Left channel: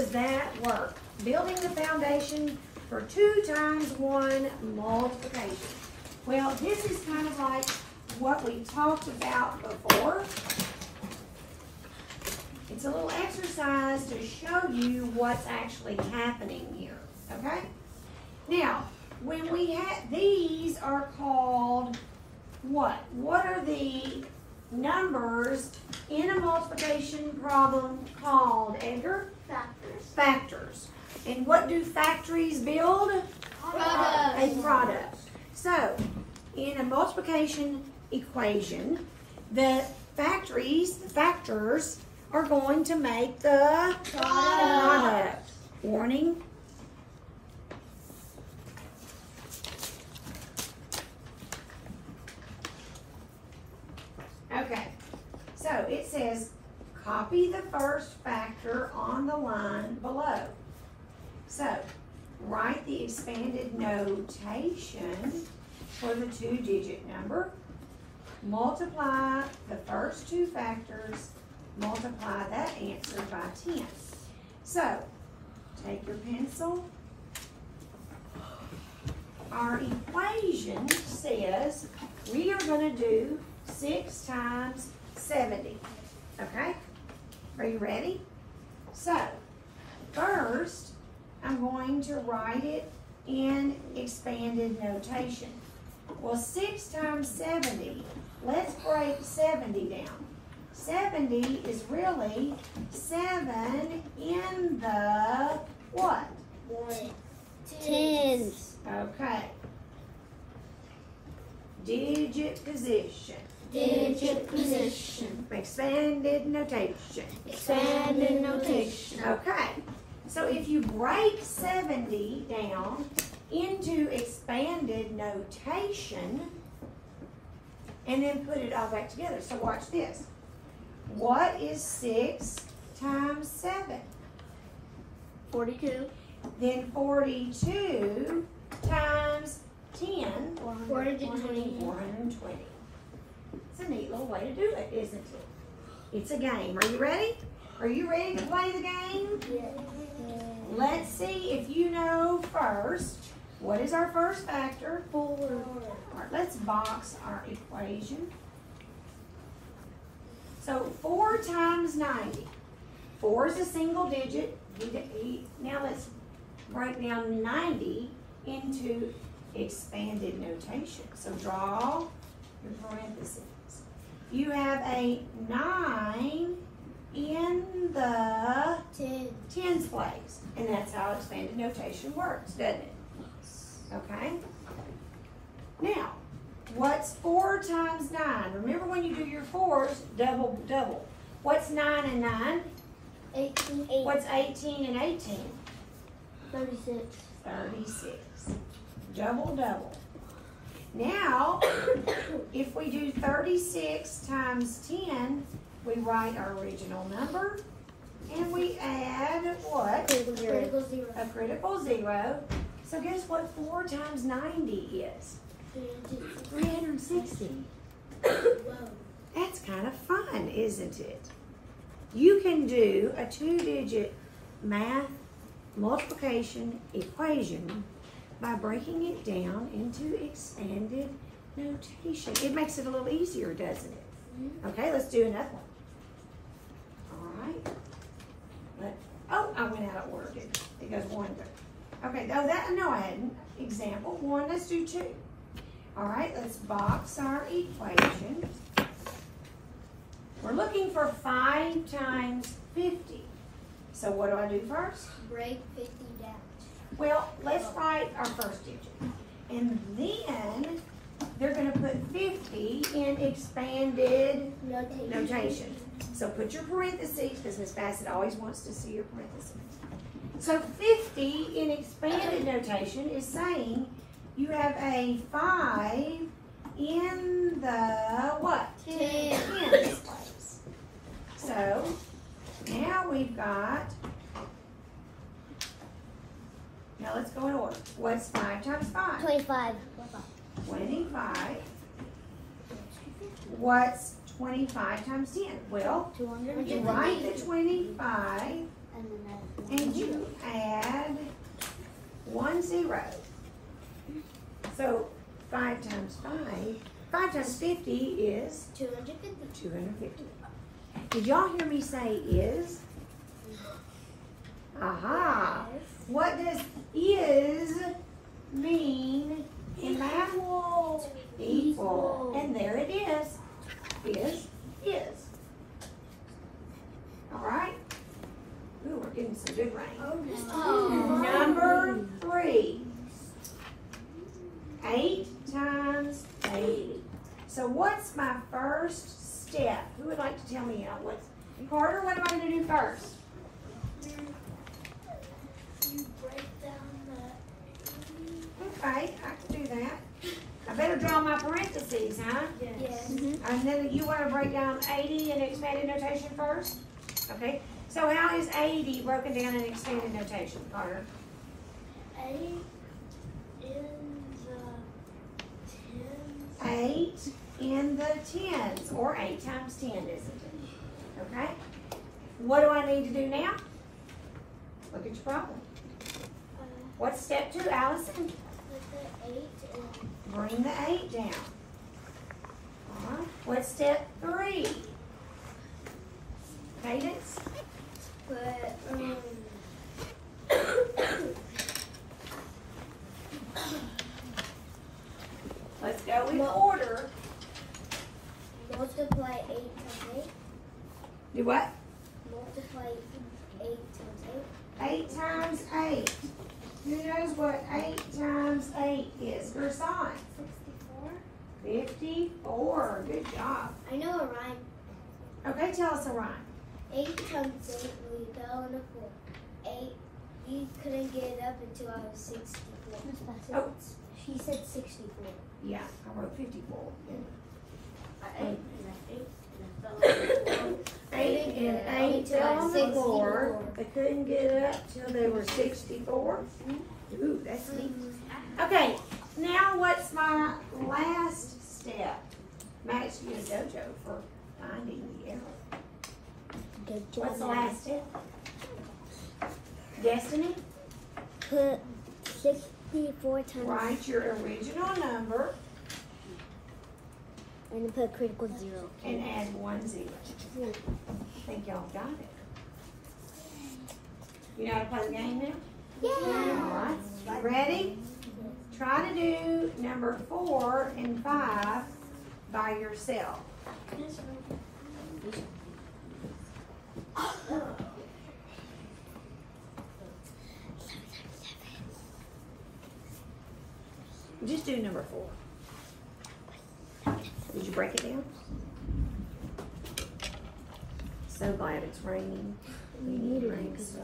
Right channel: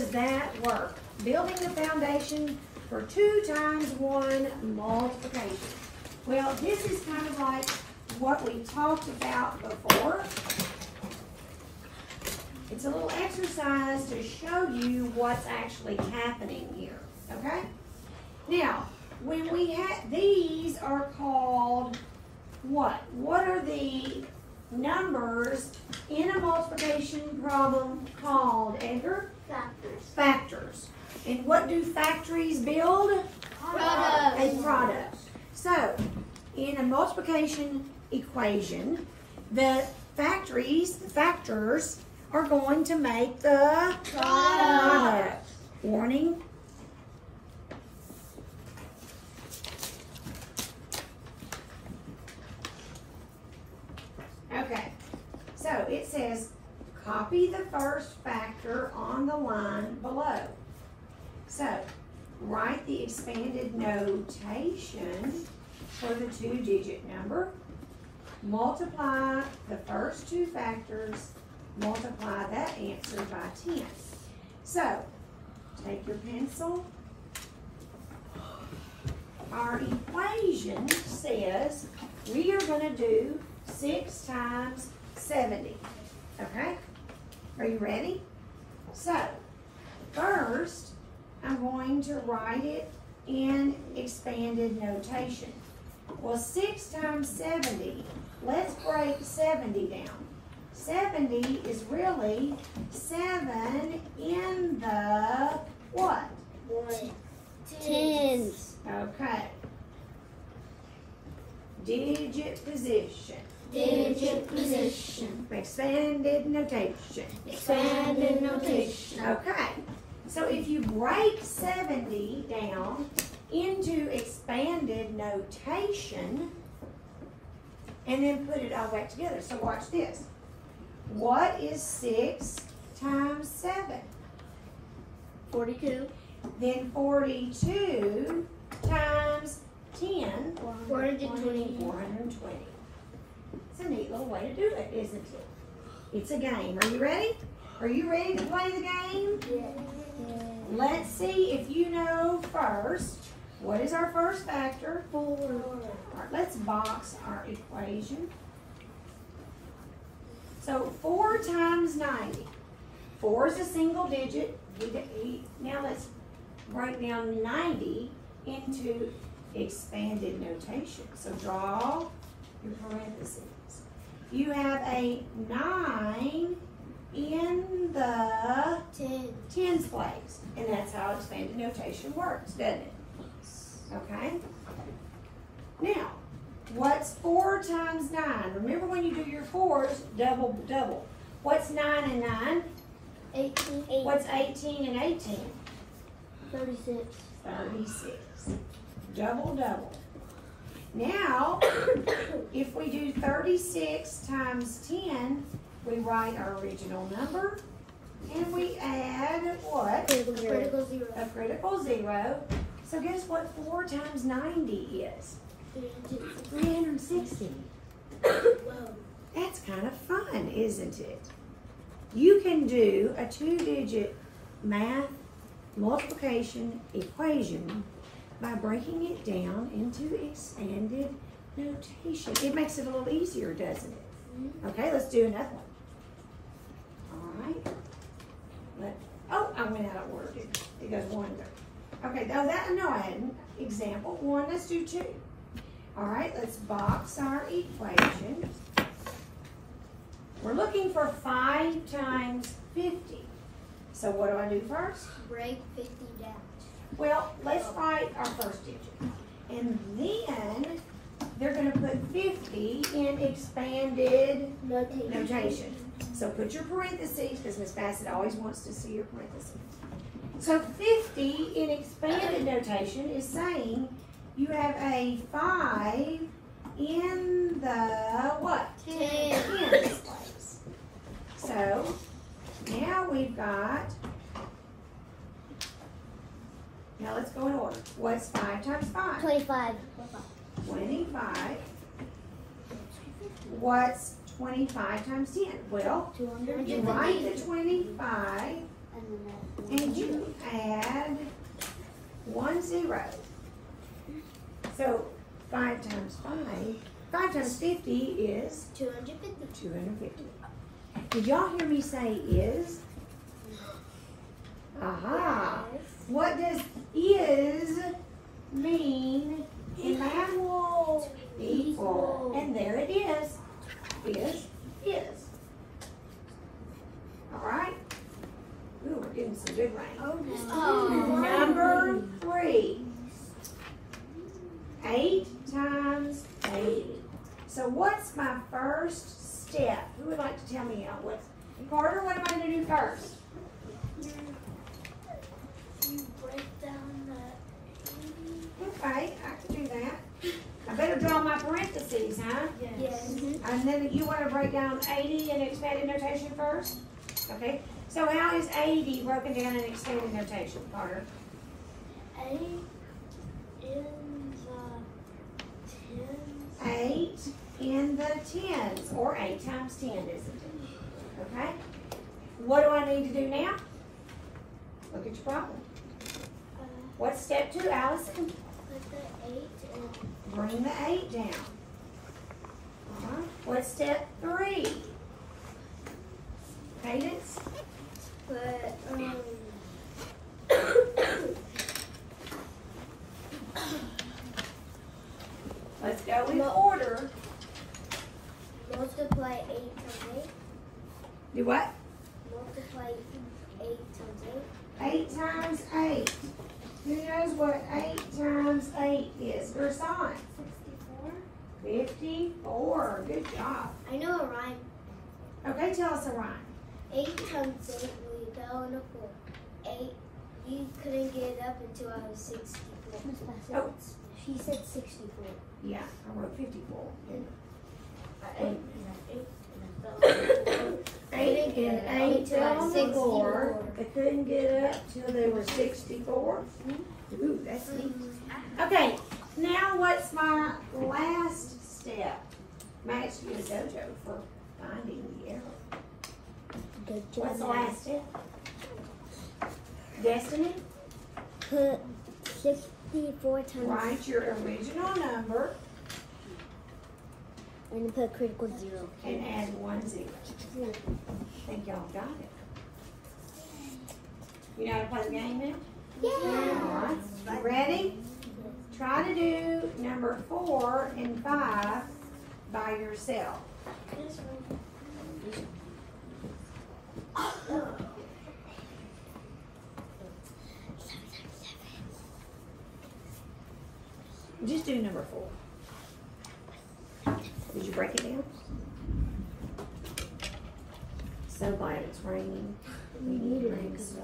does that work? Building the foundation for 2 times 1 multiplication. Well, this is kind of like what we talked about before. It's a little exercise to show you what's actually happening here, okay? Now, when we have, these are called what? What are the numbers in a multiplication problem called, Edgar? Factors. Factors. And what do factories build? Products. A product. So, in a multiplication equation, the factors are going to make the product. Warning. Okay, so it says copy the first factor on the line below. So, write the expanded notation for the 2-digit number. Multiply the first 2 factors. Multiply that answer by 10. So, take your pencil. Our equation says we are going to do 6 times 70. Okay? Are you ready? So, first, I'm going to write it in expanded notation. Well, 6 times 70, let's break 70 down. 70 is really 7 in the what? Tens. Okay. Digit position. Digit position. Expanded notation. Expanded notation. Okay. So if you break 70 down into expanded notation and then put it all back together. So watch this. What is 6 times 7? 42. Then 42 times 10. 420. 420. It's a neat little way to do it, isn't it? It's a game. Are you ready? Are you ready to play the game? Let's see if you know first. What is our first factor? 4. All right, let's box our equation. So 4 times 90. 4 is a single digit. Now let's break down 90 into expanded notation. So draw your parentheses. You have a 9 in the tens place. And that's how expanded notation works, doesn't it? Okay? Now, what's 4 times 9? Remember when you do your 4s, double, double. What's 9 and 9? 18. What's 18 and 18? 36. 36. Double, double. Now, if we do 36 times 10, we write our original number, and we add what? Critical zero. A critical 0. So guess what 4 times 90 is? 360. That's kind of fun, isn't it? You can do a 2-digit math multiplication equation by breaking it down into expanded notation. It makes it a little easier, doesn't it? Okay, let's do another one. All right. Oh, I went out of order. It goes 1. Okay, no, I hadn't. Example 1, let's do 2. All right, let's box our equation. We're looking for 5 times 50. So what do I do first? Break 50 down. Well, let's write our first digit. And then they're going to put 50 in expanded notation. So put your parentheses, because Miss Bassett always wants to see your parentheses. So 50 in expanded notation is saying you have a 5 in the what? Tens place. So now we've got, now let's go in order. What's 5 times 5? 25. 25. What's 25 times 10? Well, you write the 25 and you add 1 0. So 5 times 5 times 50 is 250. 250. Did y'all hear me say is? Aha. What does is mean in math? Equal. And there it is. Is. All right. Ooh, we're getting some good rain. Number 3. 8 times 80. So what's my first step? Who would like to tell me now? Carter, what am I going to do first? Okay, I can do that. I better draw my parentheses, huh? Yes. And then you want to break down 80 in expanded notation first? Okay. So how is 80 broken down in expanded notation, Carter? 8 in the tens, or 8 times 10, isn't it? Okay? What do I need to do now? Look at your problem. What's step 2, Allison? Bring the 8 down. All right. What's step 3? Cadence? Let's go in order. Multiply 8 times 8. Do what? Multiply 8 times 8. 8 times 8. Who knows what 8 times 8 is? Versailles. 64. 54. Good job. I know a rhyme. Okay, tell us a rhyme. 8 times 8 when you fell in a pool. 8, you couldn't get it up until I was 64. Oh, She said 64. yeah, I wrote 54. 8 8 and 8 times 64. We couldn't get it up till they were 64. Ooh, that's neat. Okay, now what's my last step? Max, you a dojo for finding the error. What's the last step? Destiny? Put 64 times. Write your original number And put critical 0. and add 1 0. Yeah. I think y'all got it. You know how to play the game now? Yeah. All right. Ready? Try to do number 4 and 5 by yourself. Just do number 4. Did you break it down? So glad it's raining. We need it because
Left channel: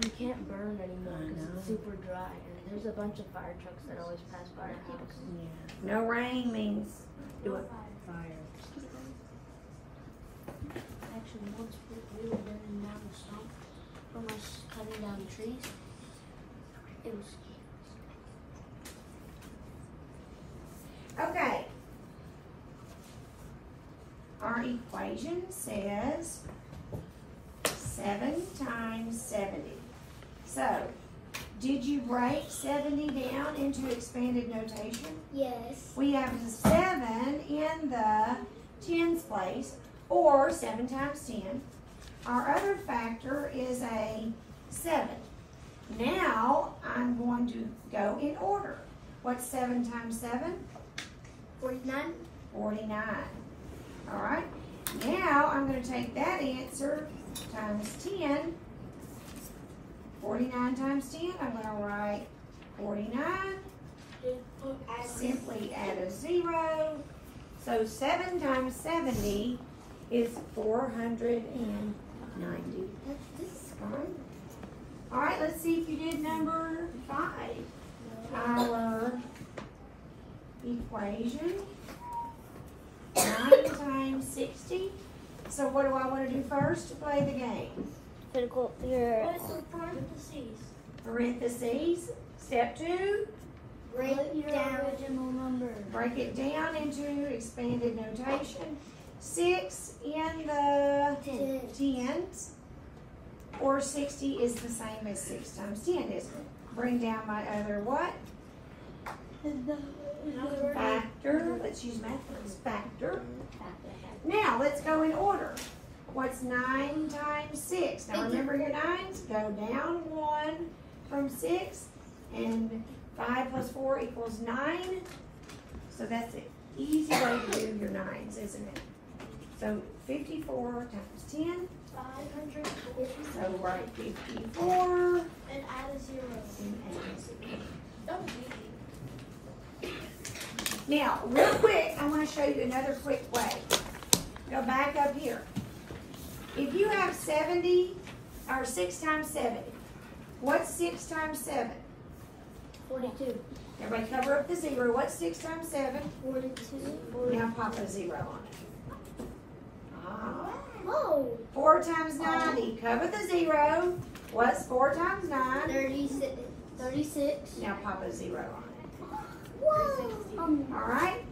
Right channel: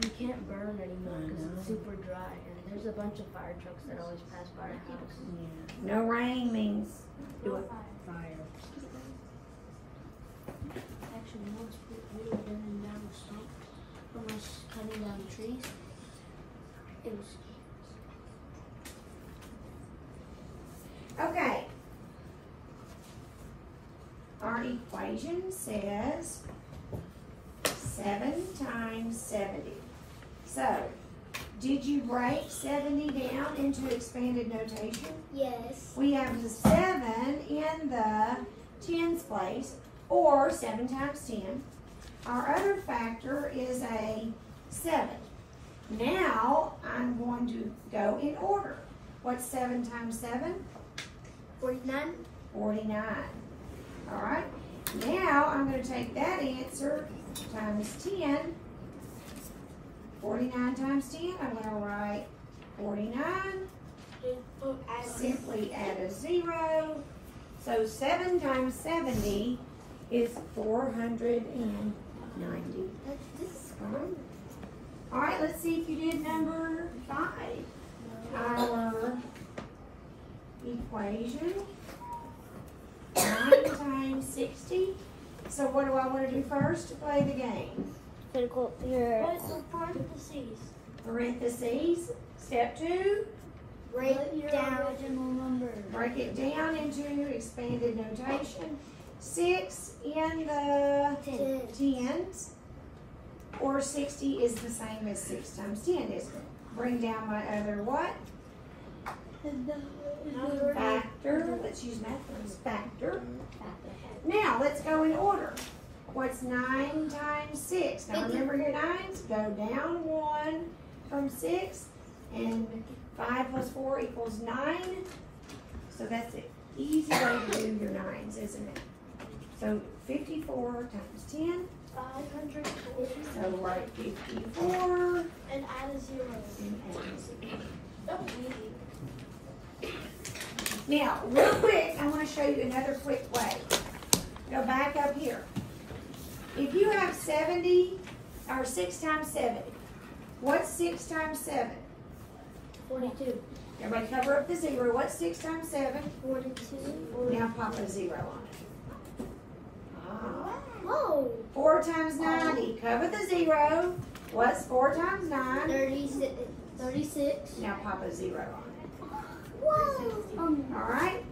we can't burn anymore because it's super dry, and there's a bunch of fire trucks that always pass by our house. No rain means do it. Fire. Actually, most people are burning down the swamp from us cutting down trees. Okay. Our equation says 7 times 70. So, did you break 70 down into expanded notation? Yes. We have the 7 in the tens place, or 7 times 10. Our other factor is a 7. Now, I'm going to go in order. What's 7 times 7? 49. 49. All right. Now, I'm going to take that answer times 10. 49 times 10, I'm going to write 49. Simply add a 0. So 7 times 70 is 490. All right, let's see if you did number 5. Our equation, 9 times 60. So what do I want to do first to play the game? Critical. What's the parentheses? Parentheses. Step 2. Break down. Break it down into expanded notation. 6 in the tens, or 60 is the same as 6 times 10, isn't it? Bring down my other what? Factor. Let's use math words. Factor. Now, let's go in order. What's 9 times 6? Now, remember your 9s? Go down 1 from 6. And 5 plus 4 equals 9. So that's an easy way to do your 9s, isn't it? So 54 times 10. 550. So write 54. And add a 0. And add a 0. That was easy. Now, real quick, I'm going to show you another quick way. Go back up here. If you have 70, or 6 times 70, what's 6 times 7? 42. Everybody cover up the 0. What's 6 times 7? 42. Now pop a 0 on it. Ah. Oh. 4 times 90. Cover the 0. What's 4 times 9? 36. Now pop a 0 on it. Wow. Alright?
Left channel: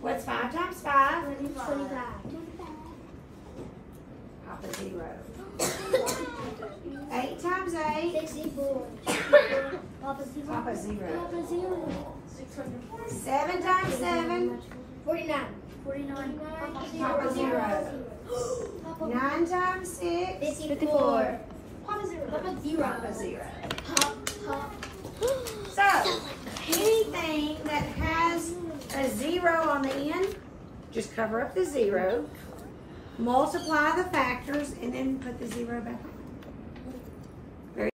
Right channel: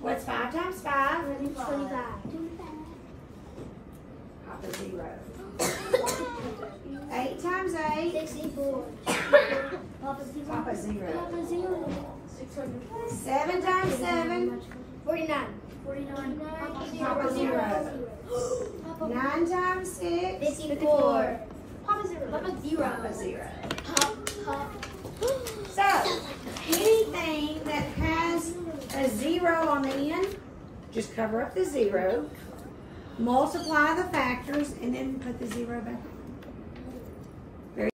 What's 5 times 5? 25. Pop a 0. 8 times 8. 64. Pop a 0. Papa 0. 7 times 7. 49. 49. Papa 0. 9 times 6. 54. Papa 0. Papa 0. Papa 0. So, anything that has a 0 on the end, just cover up the 0, multiply the factors, and then put the 0 back.